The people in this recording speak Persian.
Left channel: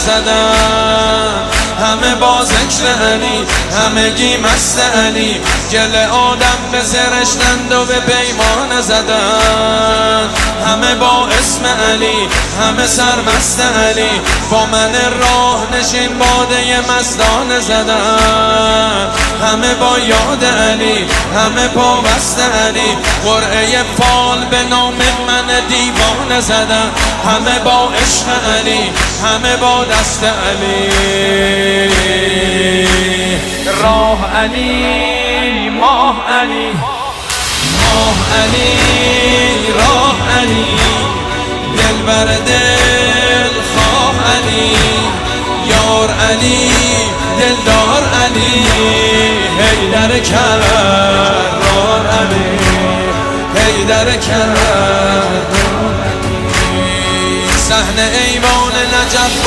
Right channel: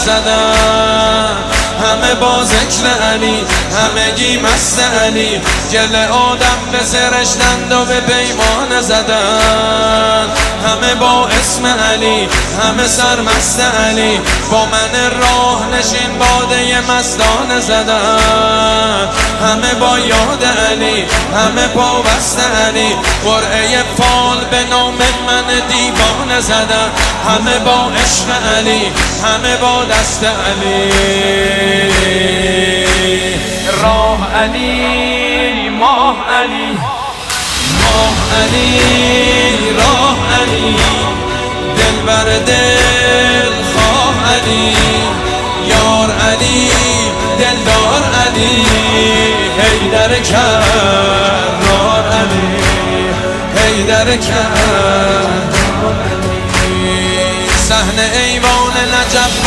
زدن، همه با ذکر علی، همگی مست علی، گل آدم به سرشتند و به پیمان زدن، همه با اسم علی، همه سرمست علی، با من راه نشین باده مستان زدن، همه با یاد علی، همه پابست علی، قرعه فال به نام من دیوانه زدن، همه با عشق علی، همه با دست علی. راه علی، ماه علی، ماه علی، راه علی، دل بر دل خواه علی، یار علی، دلدار علی، حیدر کرار علی، حیدر کرار. صحن ایوان نجف